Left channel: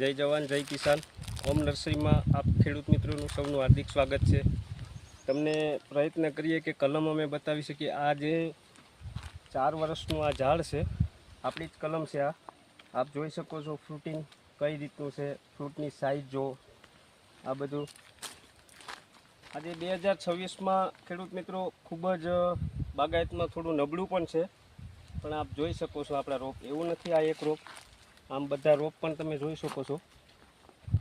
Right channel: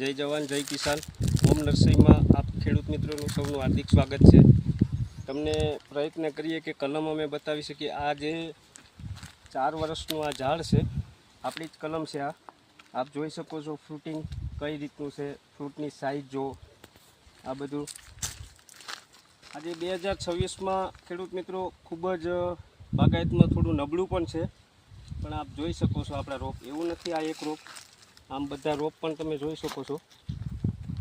જય જવાન જય કિસાન. હોમ નર્સરીમાં આપ ખેડૂત મિત્રોનું સૌનું હાર્દિક સ્વાગત છે. તમને પ્રયત્ન કરીએ કે કલમ અમે બતાવી શકીએ. આ જે 4 વર્ષનું આ ઝાડ છે, આપણી જ કલમ છે. આ આપ જોઈ શકો છો ફ્રૂટિંગ કઈ રીતનું છે, ફ્રૂટની સાઇઝ જો આ બધું. આજે 2026માં ખેડૂત મિત્રો ખૂબ જ બાગાયતમાં થોડું નબળું પણ છે, પણ આપ જોઈ શકો છો આપણા રોપ એવું નથી. આ એક રોપ, આમ બધા રોપ પણ તમે જોઈ શકો છો.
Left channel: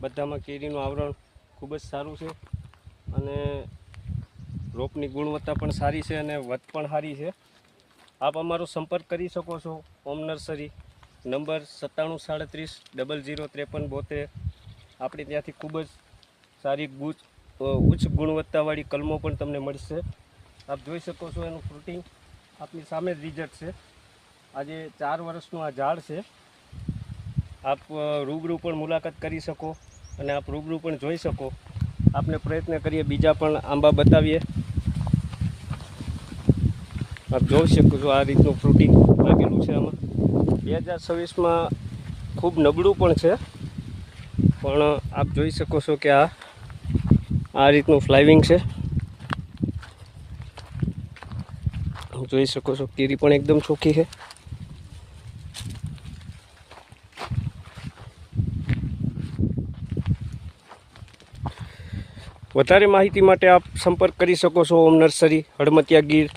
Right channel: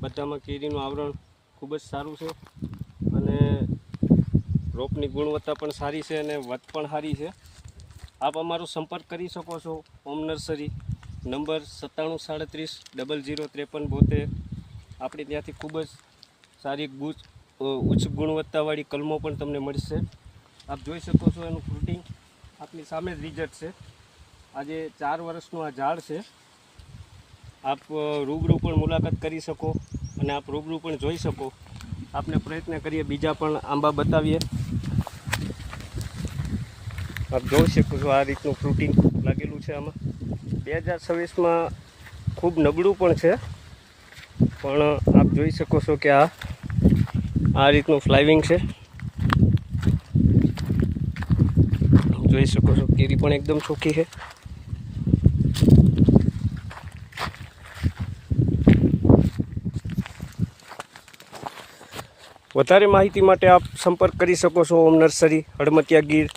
બધામાં કેરીનું આવરણ ખૂબ જ સારું છે અને રોપની ગુણવત્તા પણ સારી છે અને વધ પણ સારી છે. આપ અમારો સંપર્ક કરી શકો છો. Home nursery number 973730035372. આપણે ત્યાંથી ખૂબ જ સારી ઉચ્ચ ગુણવત્તાવાળી કલમો પણ તમને મળશે. આપ જોઈ શકો છો એનું ફ્રૂટિંગ આપની સામે જ રિઝલ્ટ છે. આજે 4 વર્ષનું આ ઝાડ છે. આપ રૂબરૂ પણ મુલાકાત કરી શકો અને આપ રૂબરૂ પણ જોઈ શકો. આપને પ્રયત્ન કરીએ બીજા પણ આંબા બતાવીએ. આપ જોઈ શકો છો આ રીતનું ફ્રૂટિંગ લાગેલું છે. આમાં 2026માં ખૂબ નબળું પણ છે, પણ આપ જોઈ શકો છો કે આ રીતનું ફ્લાવરિંગ છે. જોઈ શકો છો કેરી પણ એકદમ ચોખ્ખી છે. વધારે માહિતી માટે આપ સંપર્ક કરી શકો છો હોમ નર્સરી, હડમતિયા ગીર.